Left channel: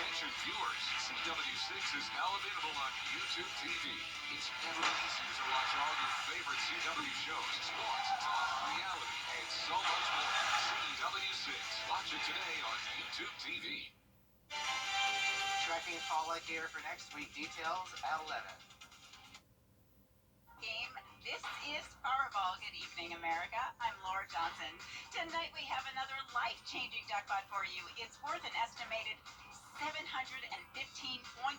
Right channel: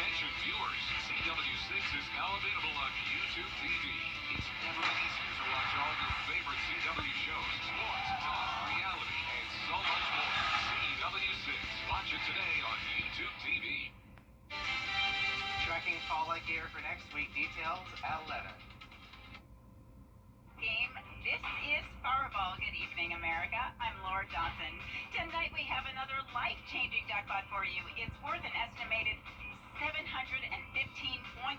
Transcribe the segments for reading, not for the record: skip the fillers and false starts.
Attention viewers, CW6 is now available on YouTube TV. It's never been easier to watch all your favorite CW shows, sports, talk, reality, and so much more. CW6. Watch it today on YouTube TV. Tracking fall light gear for next week. Details at 11. Game. This is Powerball. Good evening, America. I'm Laura Johnson. Tonight we have another life-changing jackpot for you. It's worth an estimated $715.8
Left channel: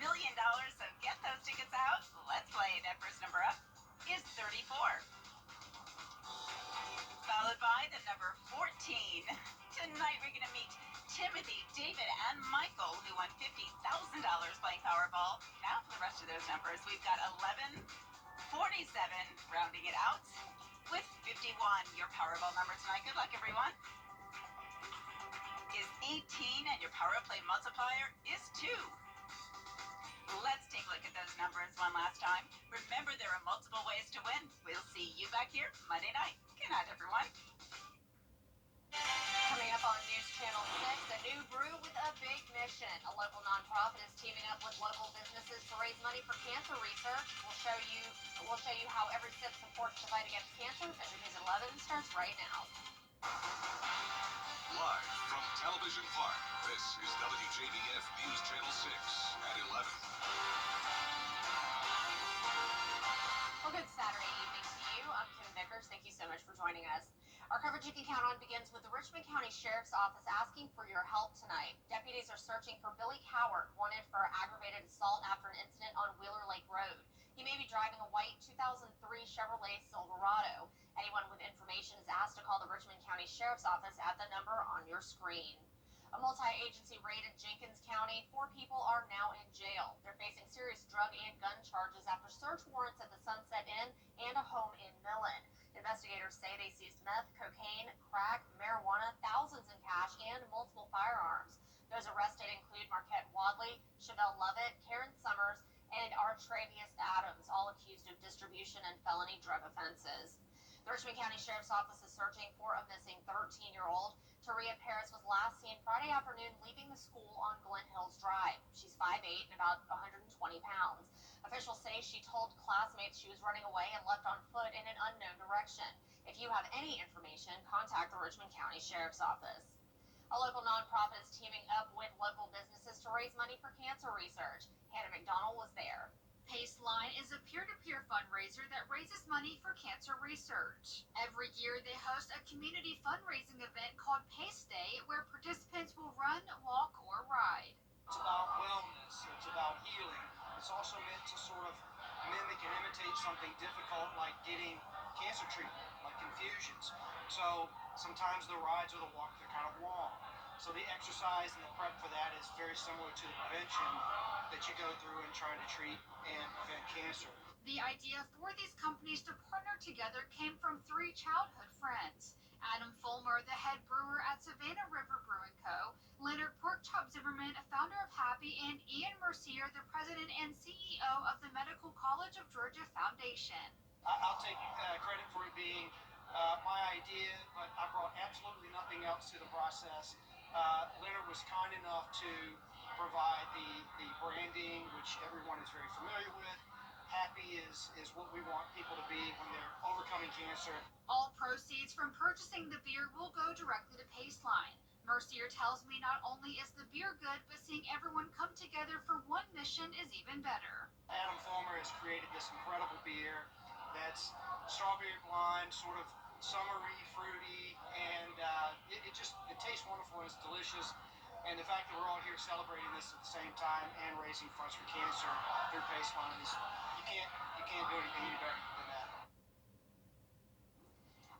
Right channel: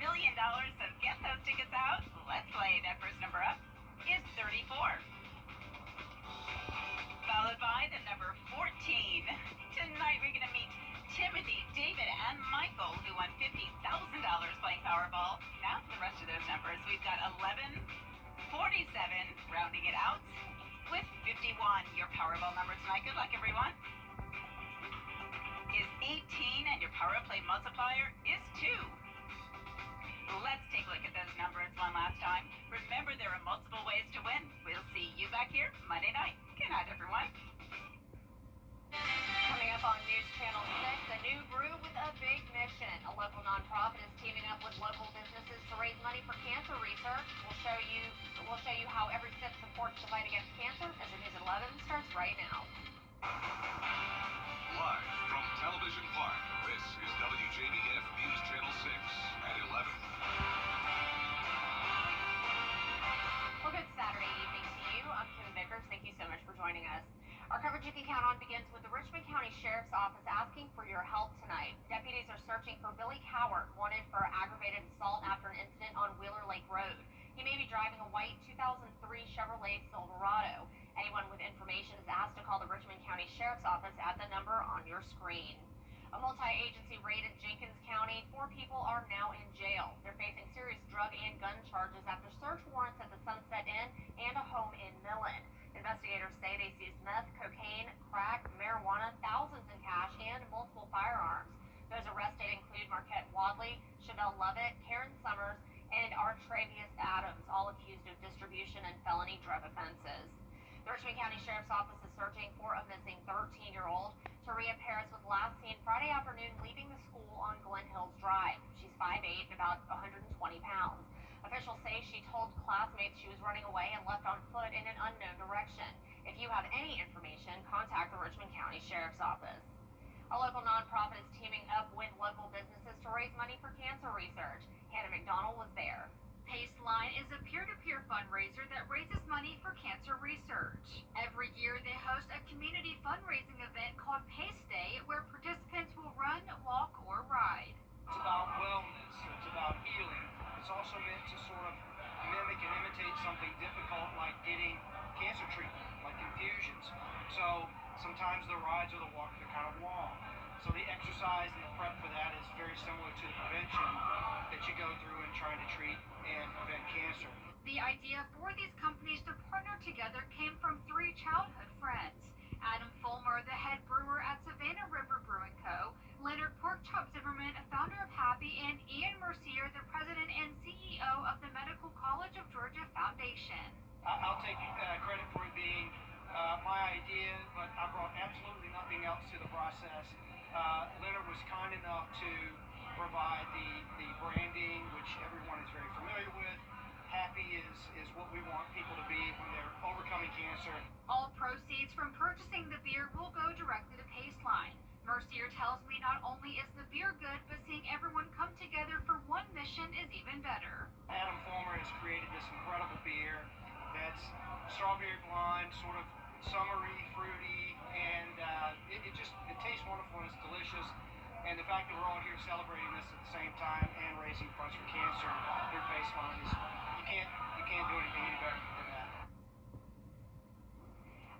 million. So get those tickets out. Let's play. That first number up is 34. Followed by the number 14. Tonight we're going to meet Timothy, David, and Michael, who won $50,000 playing Powerball. Now for the rest of those numbers, we've got 11, 47, rounding it out, with 51. Your Powerball number tonight, good luck everyone, is 18, and your Power Play multiplier is 2. Let's take a look at those numbers one last time. Remember, there are multiple ways to win. We'll see you back here Monday night. Good night, everyone. Coming up on News Channel 6, a new brew with a big mission. A local nonprofit is teaming up with local businesses to raise money for cancer research. We'll show you how every sip supports the fight against cancer. As your News at 11 starts right now. Live from Television Park, this is WJBF News Channel 6 at 11. Well, good Saturday evening to you. I'm Kim Vickers. Thank you so much for joining us. Our coverage you can count on begins with the Richmond County Sheriff's Office asking for your help tonight. Deputies are searching for Billy Cowart, wanted for aggravated assault after an incident on Wheeler Lake Road. He may be driving a white 2003 Chevrolet Silverado. Anyone with information is asked to call the Richmond County Sheriff's Office at the number on your screen. A multi-agency raid in Jenkins County. 4 people are now in jail. They're facing serious drug and gun charges after search warrants at the Sunset Inn and a home in Millen. Investigators say they seized meth, cocaine, crack, marijuana, thousands in cash, and multiple firearms. Those arrested include Marquette Wadley, Chevelle Lovett, Karen Summers, and Artravius Adams, all accused of distribution and felony drug offenses. The Richmond County Sheriff's Office is searching for a missing 13-year-old. Taria Paris was last seen Friday afternoon leaving the school on Glen Hills Drive. She's 5'8" and about 120 pounds. Officials say she told classmates she was running away and left on foot in an unknown direction. If you have any information, contact the Richmond County Sheriff's Office. A local nonprofit is teaming up with local businesses to raise money for cancer research. Hannah McDonald was there. Paceline is a peer-to-peer fundraiser that raises money for cancer research. Every year they host a community fundraising event called Pace Day, where participants will run, walk, or ride. It's about wellness, it's about healing. It's also meant to sort of mimic and imitate something difficult like getting cancer treatment, like infusions. So sometimes the rides or the walks are kind of long. So the exercise and the prep for that is very similar to the prevention that you go through in trying to treat and prevent cancer. The idea for these companies to partner together came from 3 childhood friends. Adam Fulmer, the head brewer at Savannah River Brewing Co., Leonard Porkchop Zimmerman, a founder of Happy, and Ian Mercier, the president and CEO of the Medical College of Georgia Foundation. I'll take credit for it being my idea, but I brought absolutely nothing else to the process. Leonard was kind enough to provide the branding, which everyone is very familiar with. Happy is what we want people to be when they're overcoming cancer. All proceeds from purchasing the beer will go directly to Paceline. Mercier tells me not only is the beer good, but seeing everyone come together for one mission is even better. Adam Fulmer has created this incredible beer that's strawberry blonde, sort of summery, fruity, and it tastes wonderful and it's delicious. And the fact that we're all here celebrating this at the same time and raising funds for cancer through Paceline is you can't do anything any better than that.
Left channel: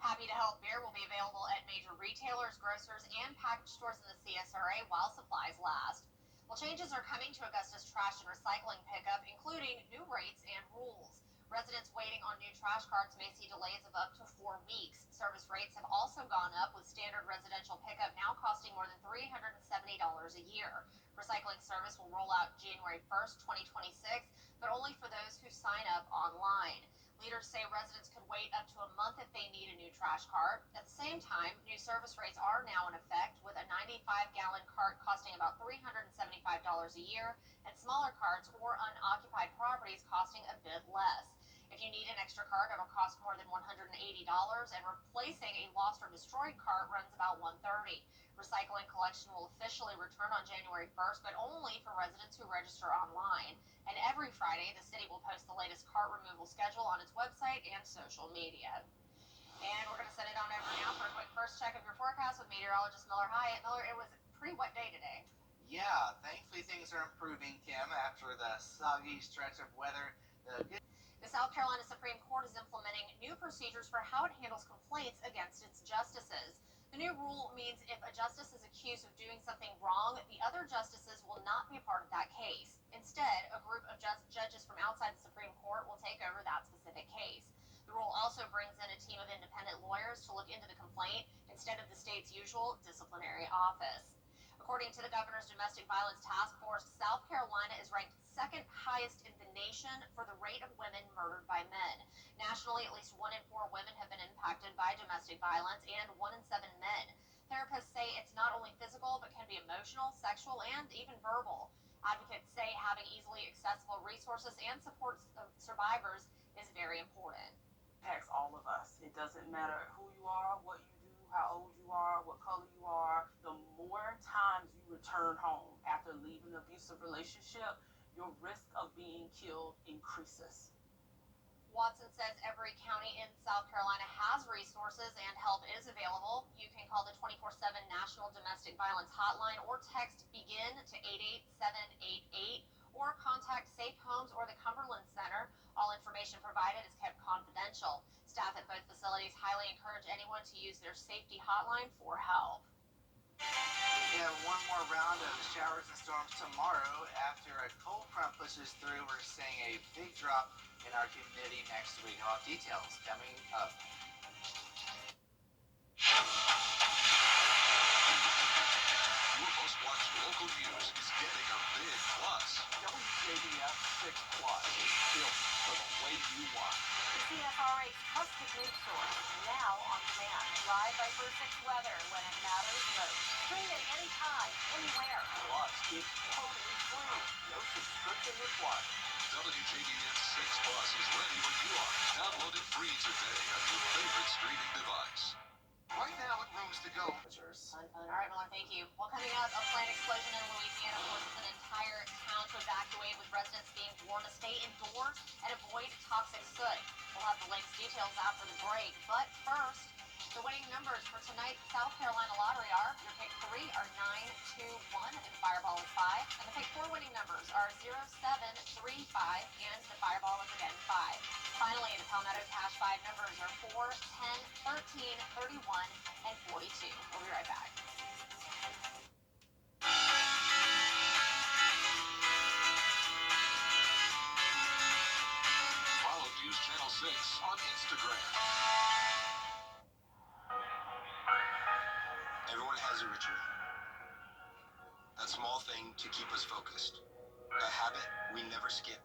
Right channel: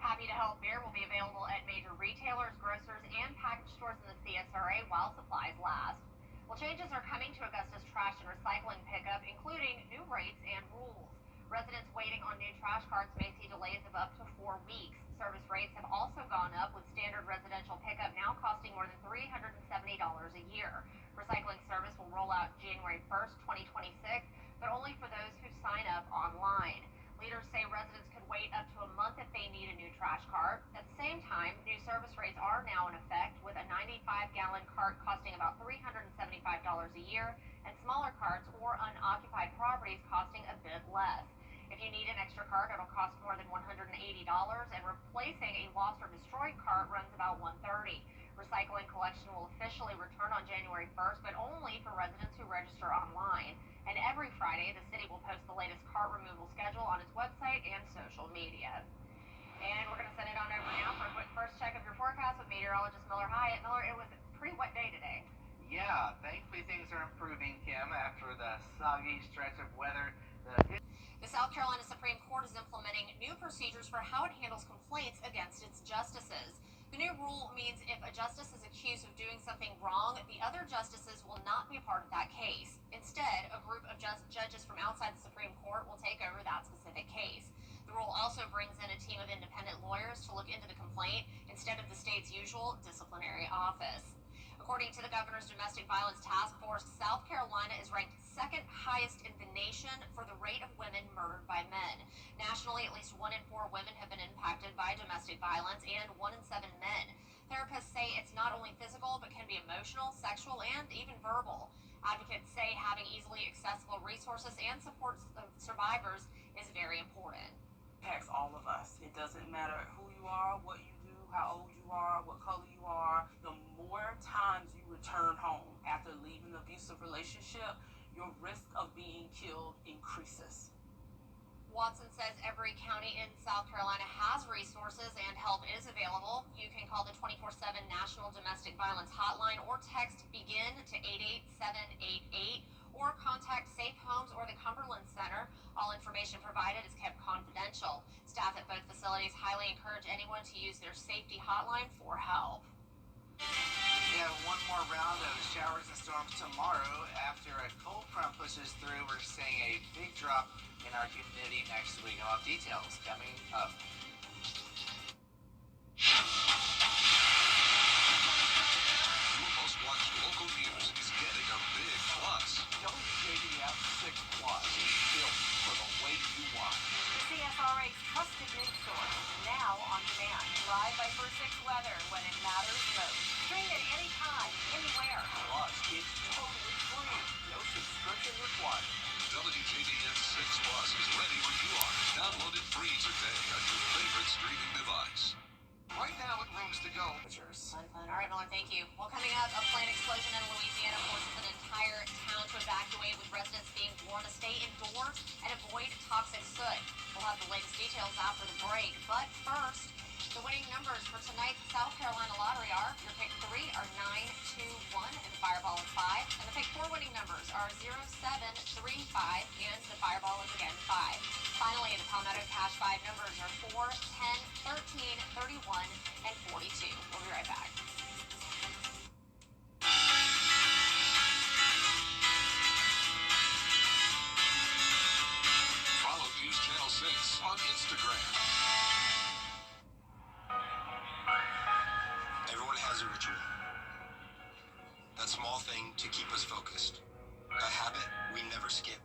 Happy to Help beer will be available at major retailers, grocers, and package stores in the CSRA while supplies last. Well, changes are coming to Augusta's trash and recycling pickup, including new rates and rules. Residents waiting on new trash carts may see delays of up to 4 weeks. Service rates have also gone up, with standard residential pickup now costing more than $370 a year. Recycling service will roll out January 1st, 2026, but only for those who sign up online. Leaders say residents could wait up to a month if they need a new trash cart. At the same time, new service rates are now in effect, with a 95-gallon cart costing about $375 a year, and smaller carts or unoccupied properties costing a bit less. If you need an extra cart, it'll cost more than $180, and replacing a lost or destroyed cart runs about $130. Recycling collection will officially return on January 1st, but only for residents who register online. And every Friday, the city will post the latest cart removal schedule on its website and social media. And we're going to send it on over now for a quick first check of your forecast with meteorologist Miller Hyatt. Miller, it was a pretty wet day today. Yeah, thankfully things are improving, Kim, after the soggy stretch of weather. The South Carolina Supreme Court is implementing new procedures for how it handles complaints against its justices. The new rule means if a justice is accused of doing something wrong, the other justices will not be a part of that case. Instead, a group of judges from outside the Supreme Court will take over that specific case. The rule also brings in a team of independent lawyers to look into the complaint instead of the state's usual disciplinary office. According to the governor's domestic violence task force, South Carolina is ranked second highest in the nation for the rate of women murdered by men. Nationally, at least 1 in 4 women have been impacted by domestic violence, and 1 in 7 men. Therapists say it's not only physical, but can be emotional, sexual, and even verbal. Advocates say having easily accessible resources and support of survivors is very important. Impacts all of us. It doesn't matter who you are, what you do, how old you are, what color you are. The more times you return home after leaving an abusive relationship, your risk of being killed increases. Watson says every county in South Carolina has resources and help is available. You can call the 24/7 National Domestic Violence Hotline or text BEGIN to 88788 or contact Safe Homes or the Cumberland Center. All information provided is kept confidential. Staff at both facilities highly encourage anyone to use their safety hotline for help. We have one more round of showers and storms tomorrow. After a cold front pushes through, we're seeing a big drop in our humidity next week. I'll have details coming up. Your most watched local news is getting a big plus. WJBF 6 Plus, built for the way you watch. The CSRA's trusted news source is now on demand. Live Viper 6 weather when it matters most. Stream it anytime, anywhere. Plus, it's totally free. No subscription required. WJBF 6 Plus is ready when you are. Download it free today on your favorite streaming device. Right now it rooms to go. Fun. All right, Miller, thank you. Well, coming up, a plane explosion in Louisiana forces an entire town to evacuate, with residents being warned to stay indoors and avoid toxic soot. We'll have the latest details after the break. But first, the winning numbers for tonight's South Carolina lottery are: your pick 3 are 9, 2, 1, and the Fireball is 5. And the pick 4 winning numbers are 0, 7, 3, 5, and the Fireball is again 5. Finally, the Palmetto Cash 5 numbers are 4, 10, 13, 31, and 42. We'll be right back. Follow News Channel 6 on Instagram. Everyone has a ritual. That small thing to keep us focused. A habit we never skip.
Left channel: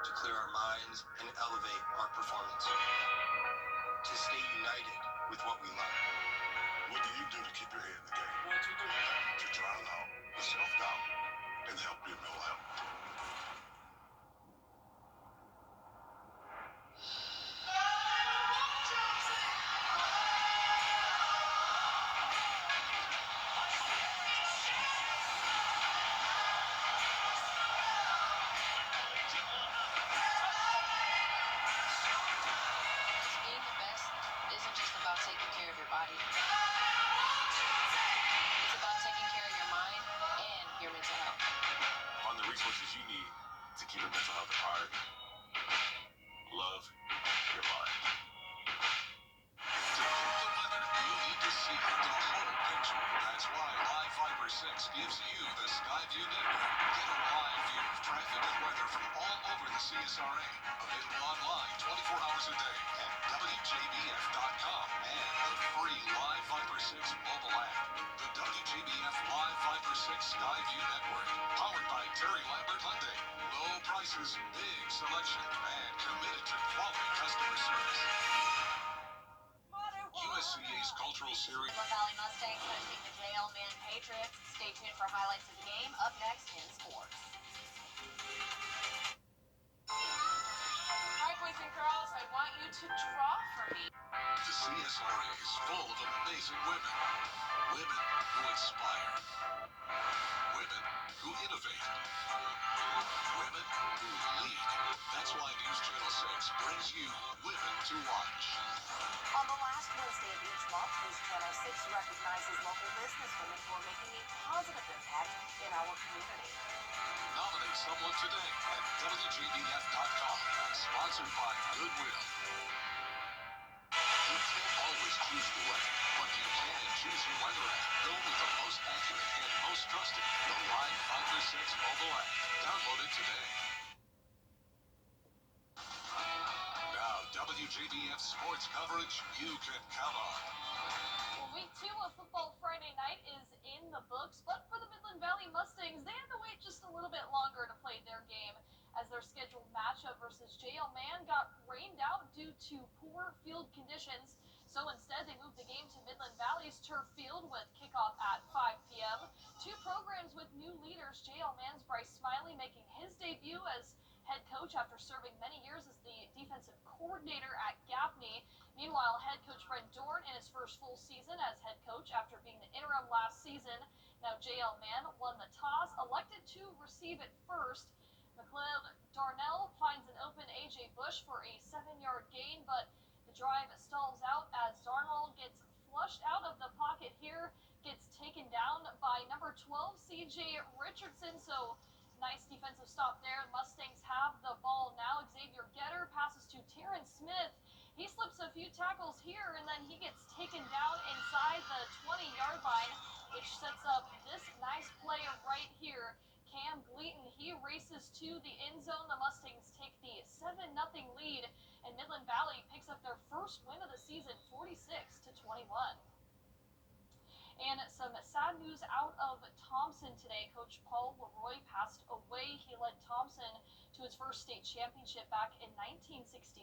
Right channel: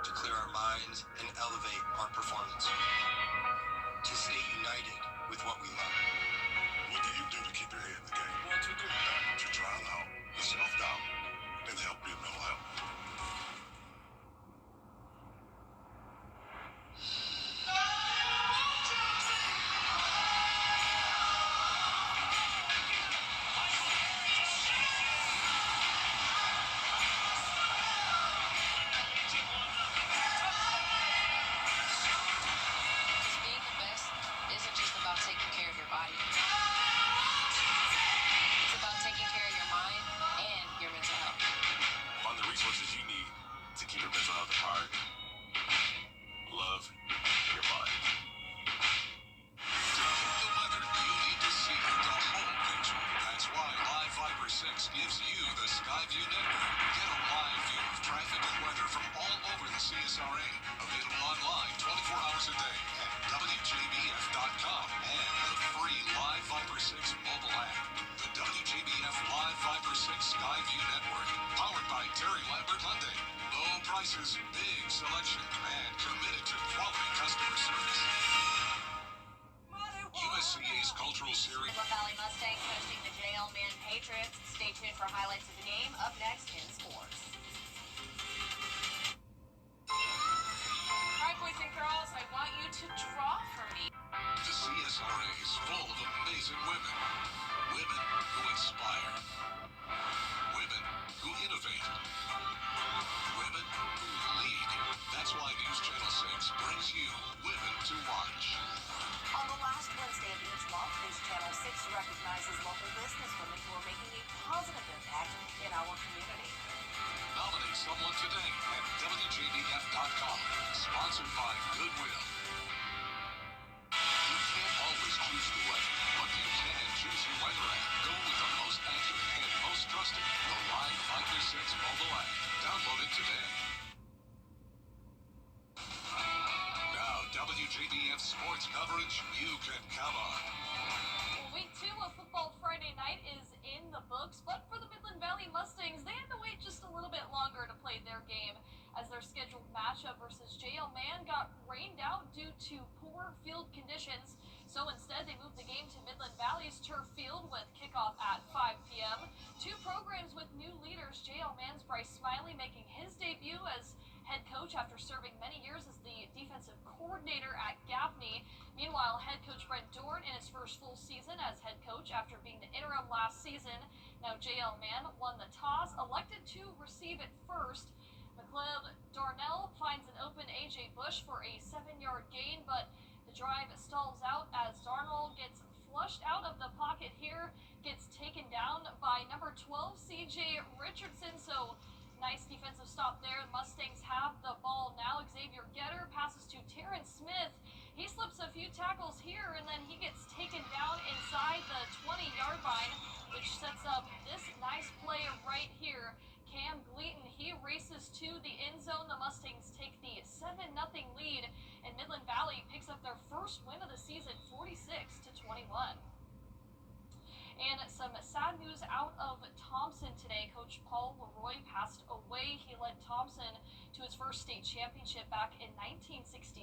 To clear our minds and elevate our performance. To stay united with what we love. What do you do to keep your head in the game? What you do? To drown out the self-doubt and help build mental health. Being the best isn't just about taking care of your body. It's about taking care of your mind and your mental health. Find the resources you need to keep your mental health apart. Love your mind. To keep the weather, you need to see the whole picture. That's why Live Viper 6 gives you the Skyview network. Get a live view of traffic and weather from all over the CSRA. Available online 24 hours a day at WJBF.com and the free Live Viper 6 mobile app. The WJBF Live Viper 6 Skyview network. Powered by Terry Lambert Hyundai. Low prices, big selection, and committed to quality customer service. USCA's cultural series. Valley Mustangs hosting the JL JL Man Patriots. Stay tuned for highlights of the game up next in sports. All right, boys and girls, I want you to draw for me. The CSRA is full of amazing women. Women who inspire. Women who innovate. Women who lead. That's why News Channel 6 brings you Women to Watch. On the last Wednesday of each month, News Channel 6 recognizes local businesswomen who are making a positive impact in our community. Nominate someone today at WJBF.com. Sponsored by Goodwill. You can't always choose the weather, but you can choose your weather app. Go with the most accurate and most trusted, the Live 536 mobile app. Download it today. Now, WJBF sports coverage you can count on. Well, week 2 of Football Friday night is in the books, but for the Midland Valley Mustangs, they had to wait just a little bit longer to play their game, as their scheduled matchup versus JL Man got rained out due to poor field conditions. So instead, they moved the game to Midland Valley's turf field with kickoff at 5 p.m. Two programs with new leaders, JL Man's Bryce Smiley making his debut as head coach after serving many years as the defensive coordinator at Gaffney. Meanwhile, head coach Brent Dorn in his first full season as head coach after being the interim last season. Now JL Man won the toss, elected to receive it first. McLeod Darnell finds an open A.J. Bush for a 7-yard gain, but the drive stalls out as Darnell gets flushed out of the pocket here, gets taken down by number 12, C.J. Richardson. So nice defensive stop there. Mustangs have the ball now. Xavier Getter passes to Terrence Smith. He slips a few tackles here, and then he gets taken down inside the 20-yard line, which sets up this nice play right here. Cam Gleaton, he races to the end zone. The Mustangs take the 7-0 lead, and Midland Valley picks up their first win of the season, 46-21. And some sad news out of Thompson today. Coach Paul Leroy passed away. He led Thompson to his first state championship back in 1967.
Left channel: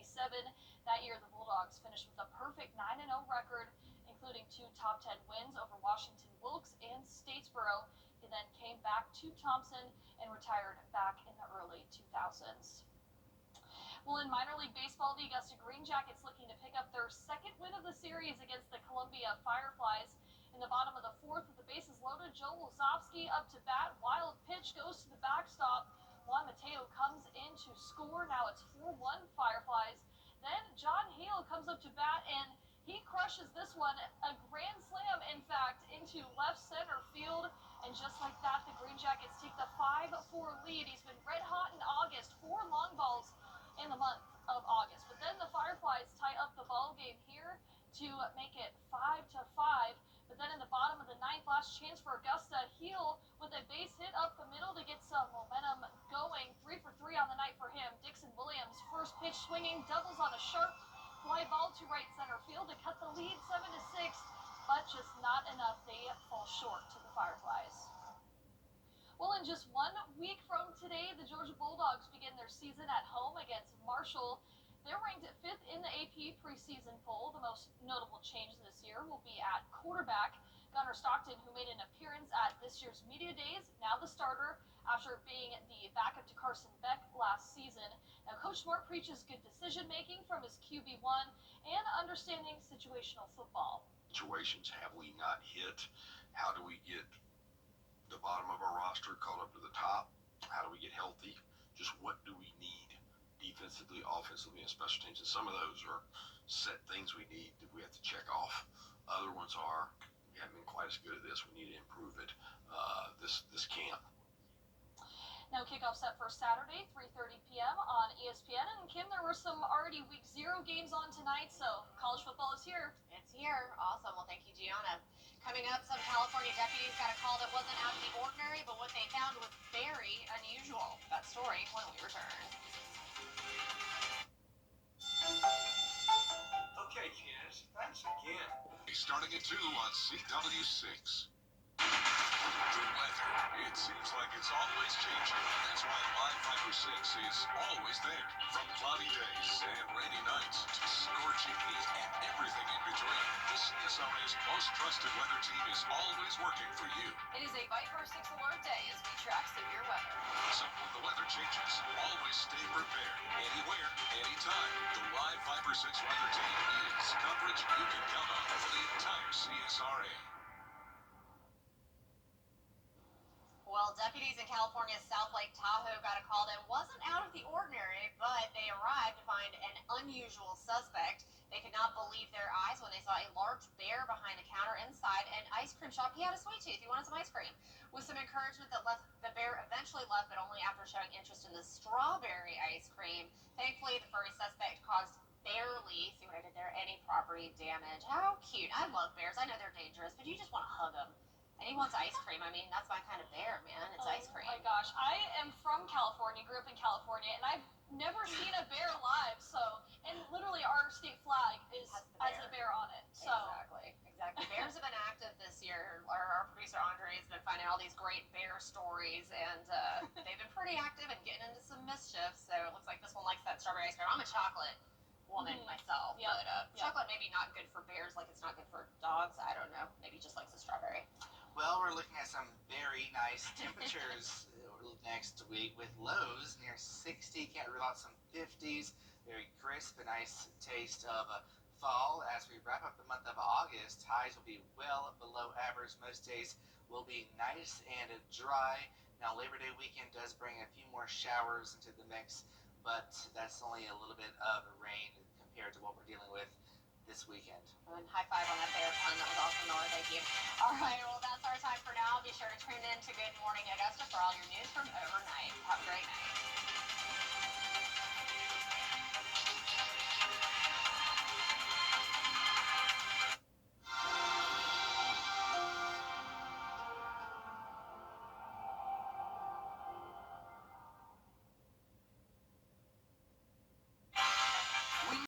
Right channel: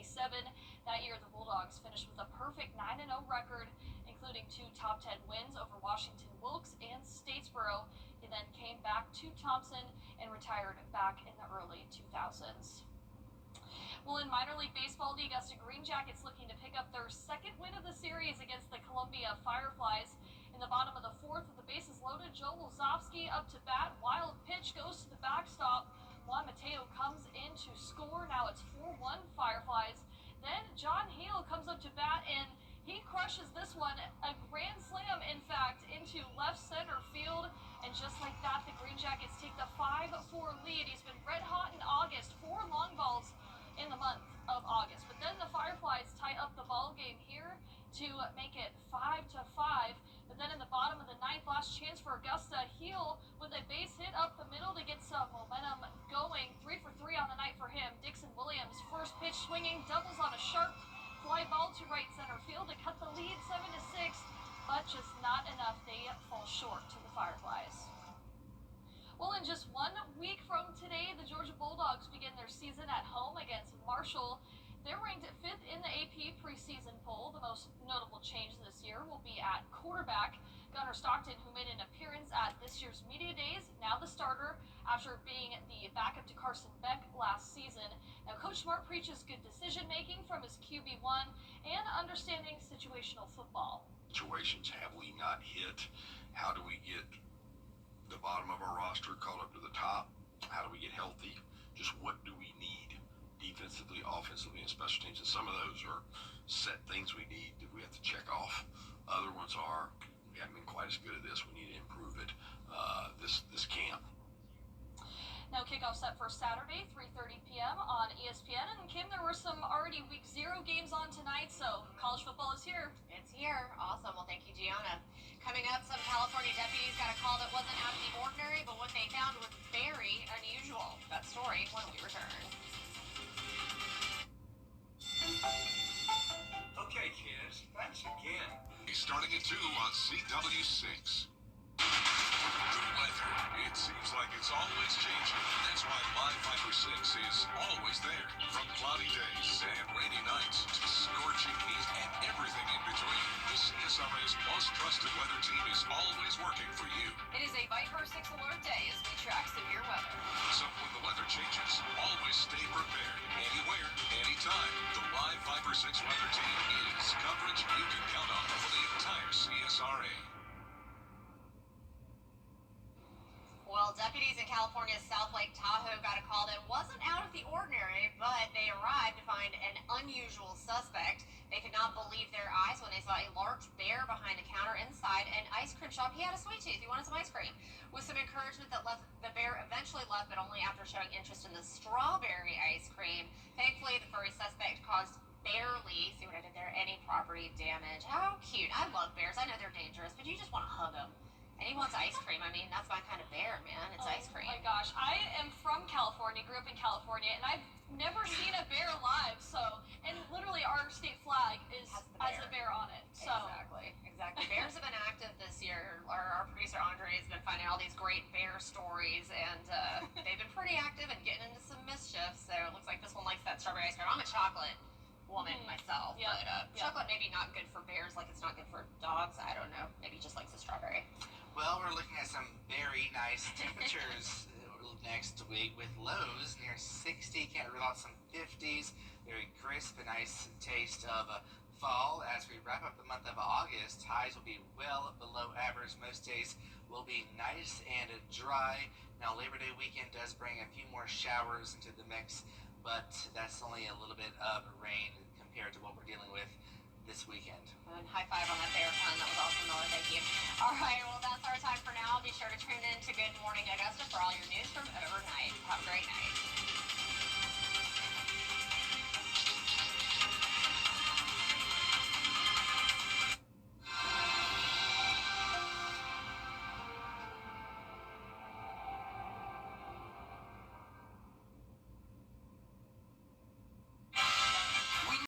That year, the Bulldogs finished with a perfect 9-0 record, including 2 top 10 wins over Washington Wilkes and Statesboro. He then came back to Thompson and retired back in the early 2000s. Well, in minor league baseball, the Augusta Green Jackets looking to pick up their second win of the series against the Columbia Fireflies. In the bottom of the 4th, with the bases loaded, Joe Lozovsky up to bat. Wild pitch goes to the backstop. Juan Mateo comes in to score. Now it's 4-1 Fireflies. Then John Hale comes up to bat, and he crushes this one. A grand slam, in fact, into left center field. And just like that, the Green Jackets take the 5-4 lead. He's been red hot in August. 4 long balls in the month of August. But then the Fireflies tie up the ball game here to make it 5-5. But then in the bottom of the 9th, last chance for Augusta. Heel with a base hit up the middle to get some momentum going. 3 for 3 on the night for him. Dixon Williams, first pitch swinging, doubles on a sharp fly ball to right center field to cut the lead 7-6. But just not enough. They fall short to the Fireflies. Well, in just 1 week from today, the Georgia Bulldogs begin their season at home against Marshall. They're ranked 5th in the AP preseason poll. The most notable change this year will be at quarterback. Gunnar Stockton, who made an appearance at this year's media days, now the starter after being the backup to Carson Beck last season. Now, Coach Smart preaches good decision-making from his QB1 and understanding situational football. Situations have we not hit? How do we get the bottom of our roster caught up to the top? How do we get healthy? Just what do we need defensively, offensively, and special teams? And some of those are set things we need that we have to check off. Other ones are, we haven't been quite as good at this. We need to improve it this camp. Now kickoff set for Saturday, 3:30 p.m. on ESPN. And Kim, there were some already week 0 games on tonight, so college football is here. It's here. Awesome. Well, thank you, Gianna. Coming up, some California deputies got a call that wasn't out of the ordinary, but what they found was very unusual. That story when we return. Okay, kids, thanks again. Starting at 2 on CW6. The weather, it seems like it's always changing. That's why Live 5 for 6 is always there. From cloudy days and rainy nights to scorching heat and everything in between, the CSRA's most trusted weather team is always working for you. It is a Viper 6 alert day as we track severe weather. So when the weather changes, always stay prepared. Anywhere, anytime. The live Viper 6 weather team is coverage you can count on for the entire CSRA. Well, deputies in California's South Lake Tahoe got a call that wasn't out of the ordinary, but they arrived to find an unusual suspect. They could not believe their eyes when they saw a large bear behind a counter inside an ice cream shop. He had a sweet tooth. He wanted some ice cream. With some encouragement, the bear eventually left, but only after showing interest in the strawberry ice cream. Thankfully, the furry suspect caused barely, see what I did there, any property damage. How cute. I love bears. I know they're dangerous, but you just want to hug them. And he wants ice cream. I mean, that's my kind of bear, man. It's ice cream. Oh my gosh. I am from California, grew up in California, and I've never seen a bear live. So, and literally our state flag has a bear on it. So Exactly. Bears have been active this year. Our producer Andre has been finding all these great bear stories, and they've been pretty active and getting into some mischief. So it looks like this one likes that strawberry ice cream. I'm a chocolate woman myself, but chocolate maybe not good for bears like it's not good for dogs. I don't know. Maybe just likes the strawberry. Well, we're looking at some very nice temperatures next week with lows near 60. Can't rule out some 50s. Very crisp, a nice taste of fall. As we wrap up the month of August, highs will be well below average. Most days will be nice and dry. Now, Labor Day weekend does bring a few more showers into the mix, but that's only a little bit of rain compared to what we're dealing with this weekend. And high five on that bear pun. That was awesome, Miller. Thank you. All right, well, that's our time for now. Be sure to tune in to Good Morning Augusta for all your news from overnight. Have a great night.